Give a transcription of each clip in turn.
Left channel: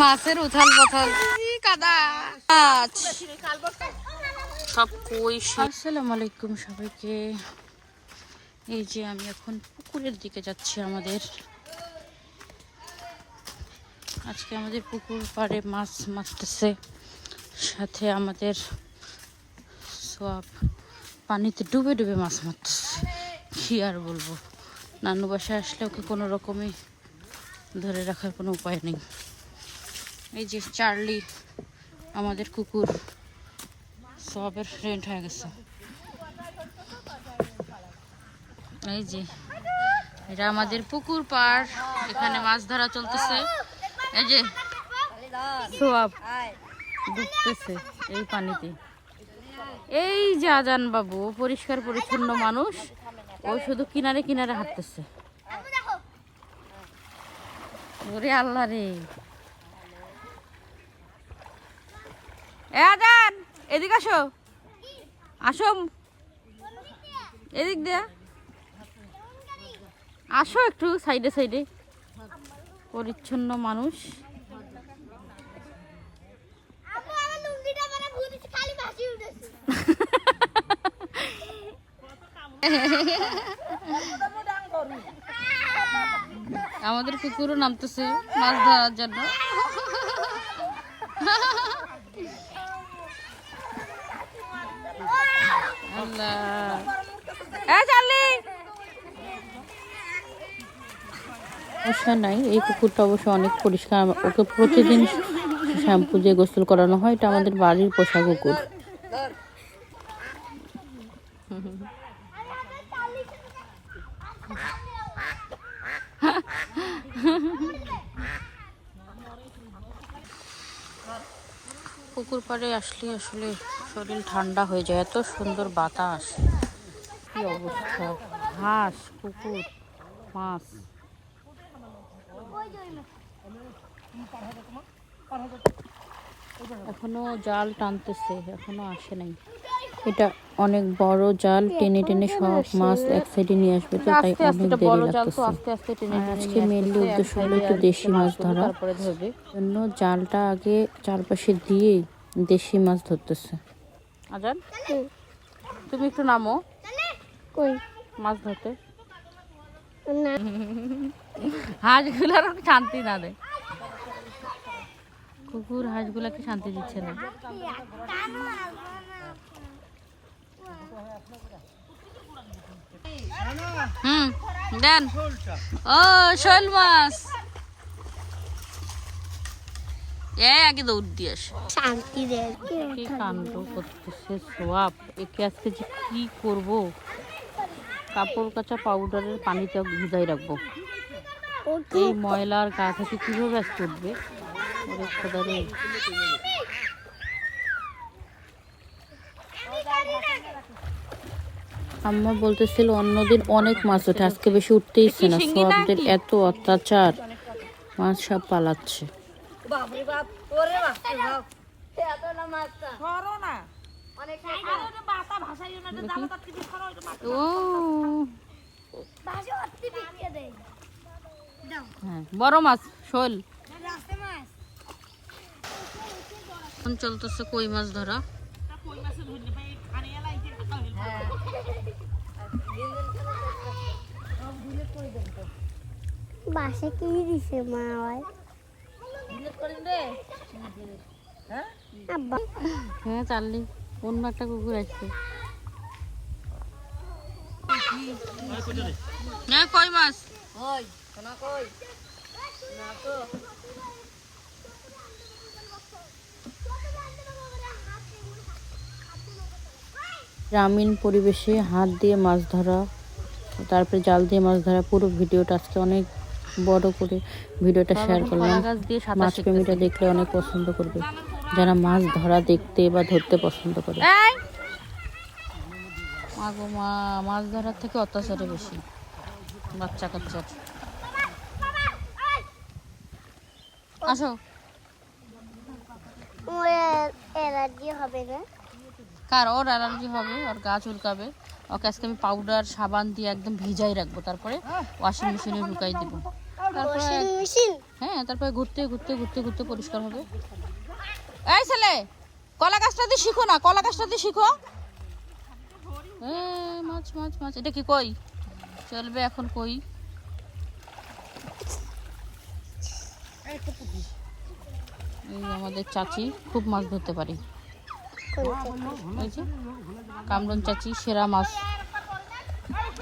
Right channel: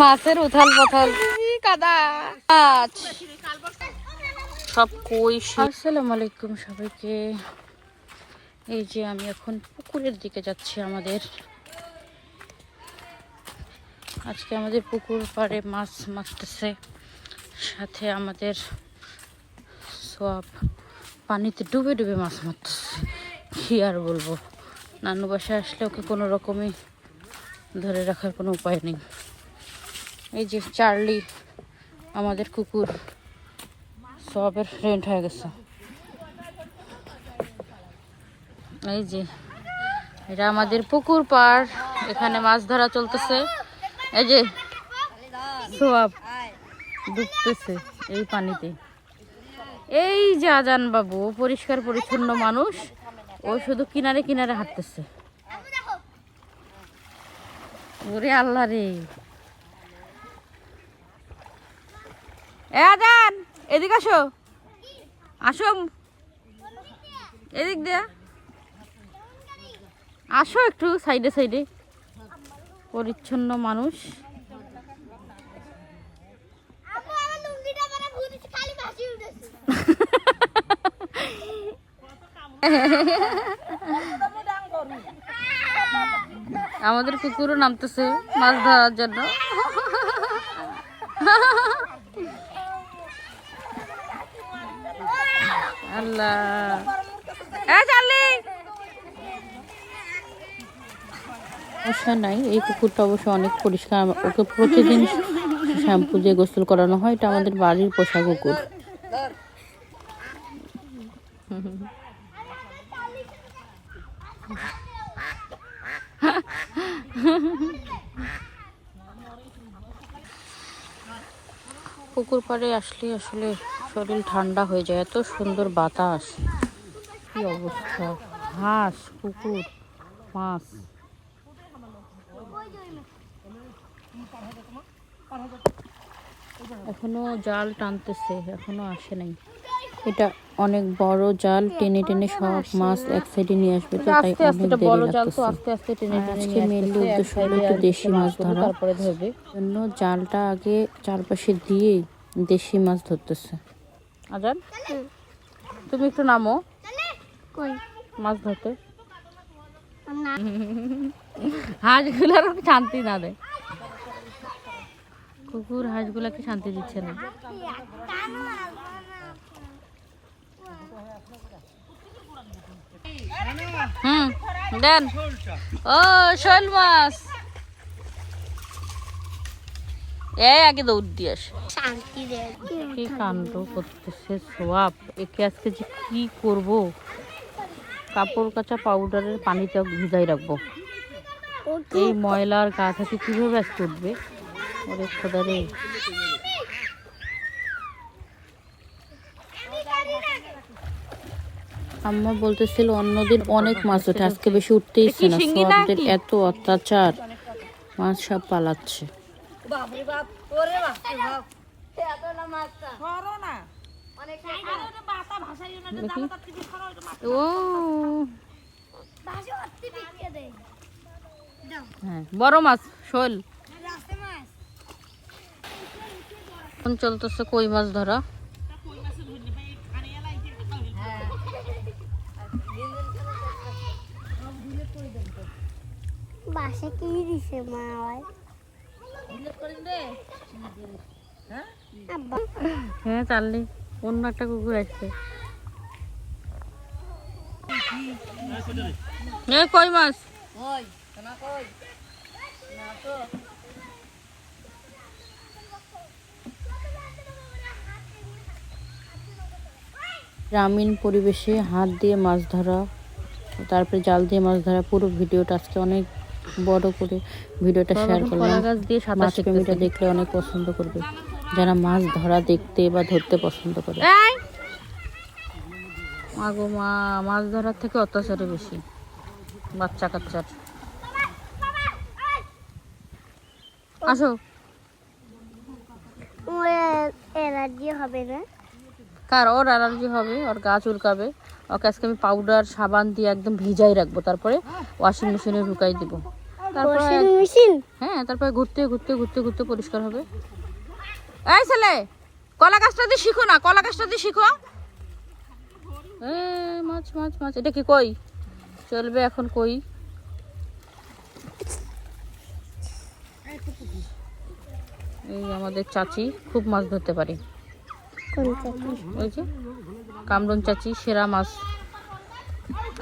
মাছের উথাল পাথাল কাদা মাছ সব কই। আসসালামু আলাইকুম সবাইকে। এই যে আমি এখন পুকুরের দিকে যাচ্ছি। আজকে আমাদের পুকুর পাড়ে মাছ মারতেছে, সাথে আমাদের সব পানিতে ডুবে ডুবে মাছ মারতেছে। কি আর বলবো, নানু বাসায় আসলে ওকে কোনো রকমই ধরে রাখার কোনো উপায় নেই। এই যে চার্লি আমাদের কুকুর সবের ফ্রেন্ড হয়ে গেছে। এই যে এটা আমাদের পুকুর পাড়, এখানে মাছ ধরা চলতেছে। এই যে সব ডুবতেছে এই পানিতে। এই যে আজান বাবু পরিষ্কার পরিচ্ছন্ন মানুষ, ও শুধু কিনারে কিনারে হাঁটতেছে। ওরে আল্লাহ রে, আজান এদিক আসো, আসো এদিক দিয়ে আসো, একটু সাইডে সাইডে। পরিচ্ছন্ন মানুষ। আমাদের কুকুরও নামতেছে মাছ ধরার জন্য। আল্লাহ, সমস্যা নাই। এই কুকুরটা অবশ্য অনেক পরিষ্কার, ওকে প্রতিদিন শ্যাম্পু দিয়ে গোসল করানো হয়। এটা আমাদের বাড়ির পোষা কুকুর। পুকুর পাড়ে আসলে আসলে শরীর ঠান্ডা হয়ে যায়, এত সুন্দর বাতাস। কি অবস্থা, হাঁস, কুকুর, মাছ। এখনো জাল টানতেছে, এখনো আসে নাই। এটা অনেক বড় জাল, টেনে টেনে সব মাছ এক সাইডে নিয়ে আসবে, তো তাই অনেক দেরি লাগতেছে। আর আজকে মেনলি উদ্দেশ্য হলো একটু দেশি মাছ ধরা জন্য জালটা আগে চারপাশে দিয়ে দেশি মাছ ধরতেছে। আজান তুমি একটু নামো মাছ ধরতে। হাঁসগুলার শান্তি না দেয়, কুকুর হাঁসগুলাকে শান্তি দিচ্ছে না। দেন ও শোল মাছ, আগে দৌড় দিয়ে আসে। কি কাণ্ড করতেছে সোয়াব, একে আজকে যে কি করব। কাপড় কাচা পাউডারের পানিতে ভিজাই রাখবো, এই ময়লার গা থেকে কিভাবে আজকে উঠবে। ওরে খোদা রে। আম্মা বলতেছিল অন্যদিন অনেক মাছ ওঠে, আজকে বেশি উঠতেই ইচ্ছে না। সোয়াবদের এত অত্যাচার, মাছ সব পালাচ্ছে। বড় মাছ শোল। চলতেছে কই মাছ ধরা। বাসে কি দিছে মা? হ্যাঁ চাললি, অন্য একটা কুকুর আসছে। কই মাছ, গ্রামীণ পরিবেশে হাত দিয়ে মাছ ধরা, তারপরে জাল দিয়ে মাছ ধরা, পুরো ভিডিওটা আজকে অনেক বড় করে ভিডিওটা শেয়ার করলাম। মাছ প্রেমীরা দেখলে অনেক পছন্দ করবে, যারা মাছ ধরা দেখতে বা ধরতে পছন্দ করে। মাগো মা, মাছ ধরার থেকে অত্যাচারে বেশি বাচ্চা কাচ্চার। আসো, এলার্জি হবে না? কার? ওর অ্যালার্জি হবে, ওর গা চুলকাবে। ওকে আজকে আমি পাউডার সাবান দিয়ে একদম ভিজাই রাখবো, তারপরে ওয়াশিং মেশিনে ঢুকাই দিব। তারপর মেশিন হ্যাঁ, তারপরে ঘুরতে ঘুরতে ঘুরতে ঘুরতে পরিষ্কার হবে। এই ছেলে, কলা গাছটা দিয়ে শিখো না, কলা গাছটা দিয়ে শিখো। মাছ মাছ মাছ, এটা কি কই চলবে এখন? কই এই আমাদের চাচি খুব মাছ ধরতে পারে। ওই যে কামরুন চাচি সেরা মাছ,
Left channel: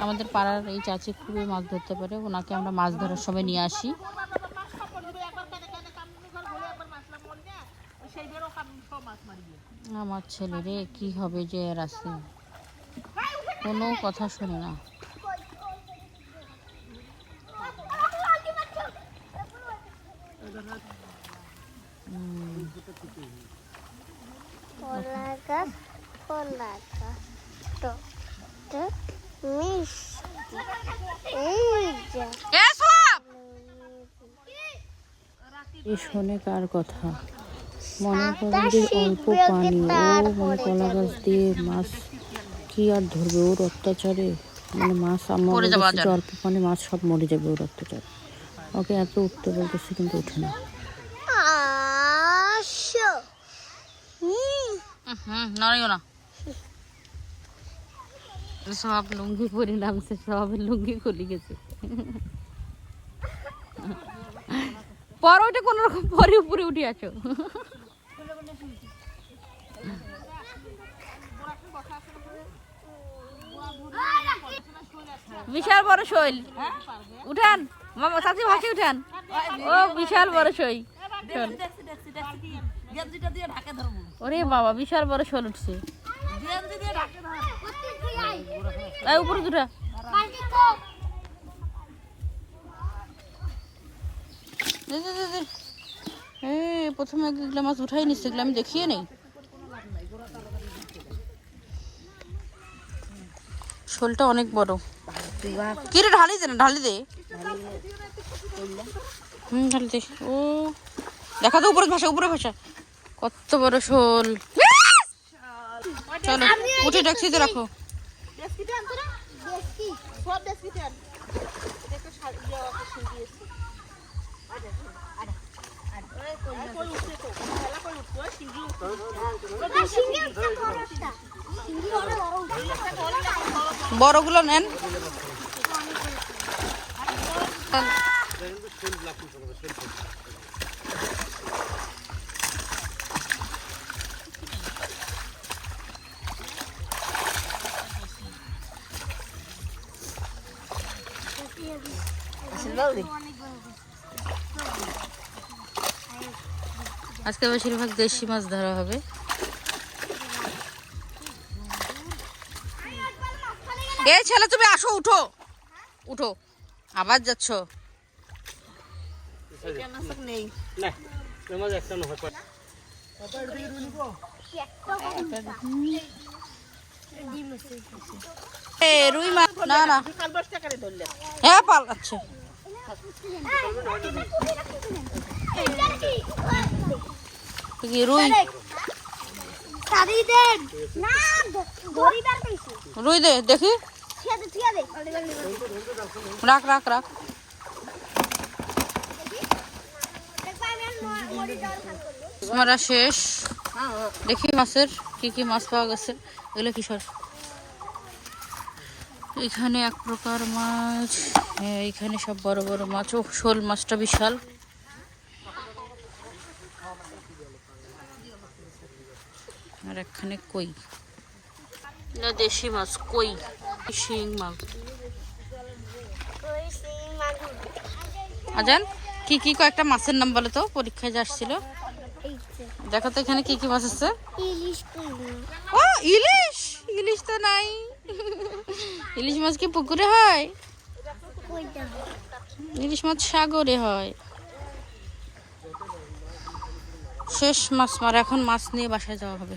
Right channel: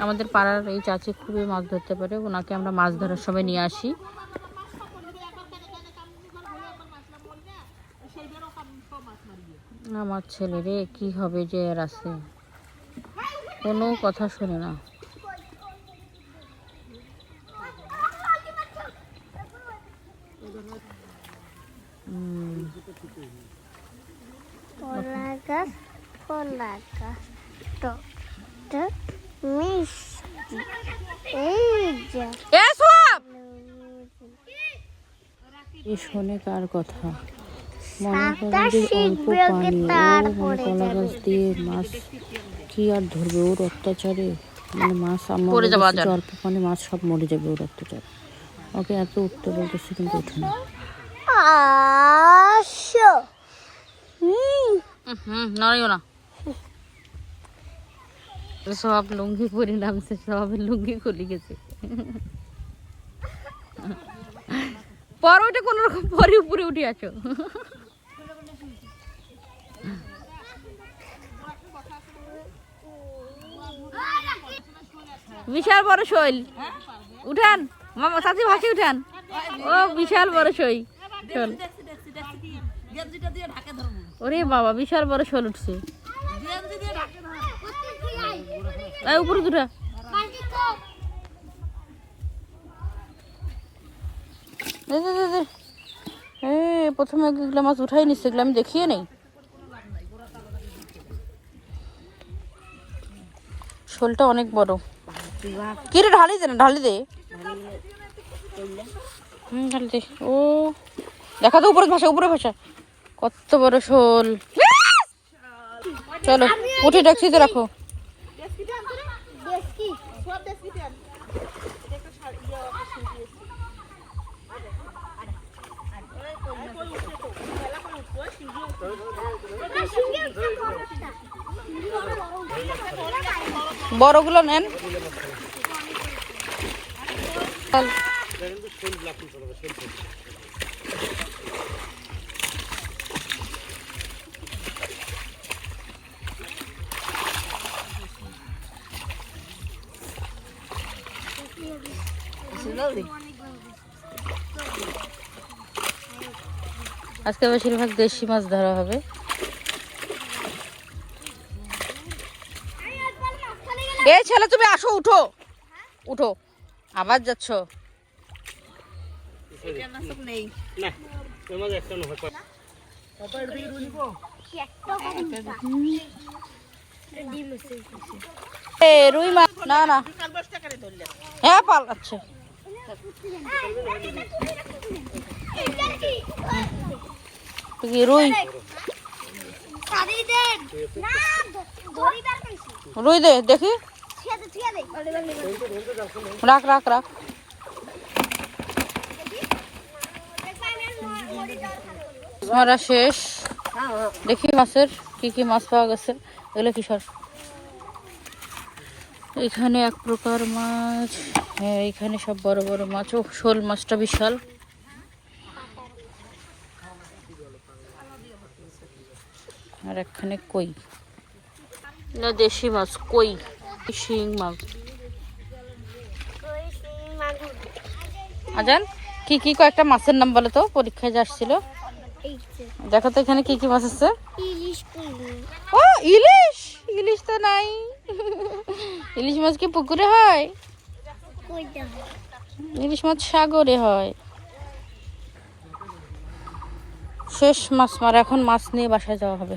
আমাদের পাড়ার এই চাচি খুবই মাছ ধরতে পারে। ওনাকে আমরা মাছ ধরার সময় নিয়ে আসি। আমার ছেলে রে কি হবে যে এর আছে, কোনো কথা শোনে না। এ শোনে কার কথা? মনে করেন যে অল্প পানি, ও মানে কলা গাছ দিয়ে মাছ কি আর ধরবে? ওর অত্যাচারে মানে মাছ আমার অল্প পানি, মাছ সব মরে যাবে ওর অত্যাচারে। ওকে এত উঠতে বলতেছে কিন্তু ওঠে না। নড়িও না। সব লুঙ্গি পরে নামছে, সব লুঙ্গি খুলে গেছে। পর ওটা কোন রকম পরে উপরে উঠে আছো। বিশাল বড় শৈল, উঠান মামা, চাচি ভাসি উঠান। ও বিশাল বড় শৈল, ওরে বাবা বিশাল বড় শোল উঠছে। উপরে দুটা প্রথমে এগুলো মাছ উঠাই নিচ্ছে, এগুলো আমি দেখিয়ে নেই। শোলটা অনেক বড়। কি রে ঢালি দে না, ঢালি দে। ঢালি দে। ও দেখা তো উপরে ভাষা, উপরে ভাষা। কত বড় শোল। চলো উঠে ট্যাক্সিতে রাখো। বড়গুলো নেন। আজকে বেশিরভাগ দেশি মাছ ধরা হবে। এই ছেলে তুমি আসো, উঠো উঠো, আবার যাচ্ছ। রুই মাছ না না, হ্যাঁ পালাচ্ছে। রুই রুই দে দেখি, রাখ রাখ রাখ। মারা শেষ। দেখি মাছের কি কি মাছ পাওয়া গেছে। এগুলো কিসর? এখানে এক প্রকার মাছ, হ্যাঁ এখানে সব বড় বড় মাছ। ও শোল মাছটা বিশাল। আর এখানে কই না, দেশি মাছ কই, শিং মাছ। আজান কি কি কয়েকটা মাছের নাম বলো তো, পরীক্ষায় আসছিল। দেখো তো এখানে কি কি মাছ আছে। ও ইলিশ, ইলিশ তো নাই। ইলিশ মাছ কি পুকুরে হয়? ইলিশ মাছ সাগরে হয়। শেষ মাছ মারা, এখন মাছ নিয়ে বাসায় যাওয়া হবে।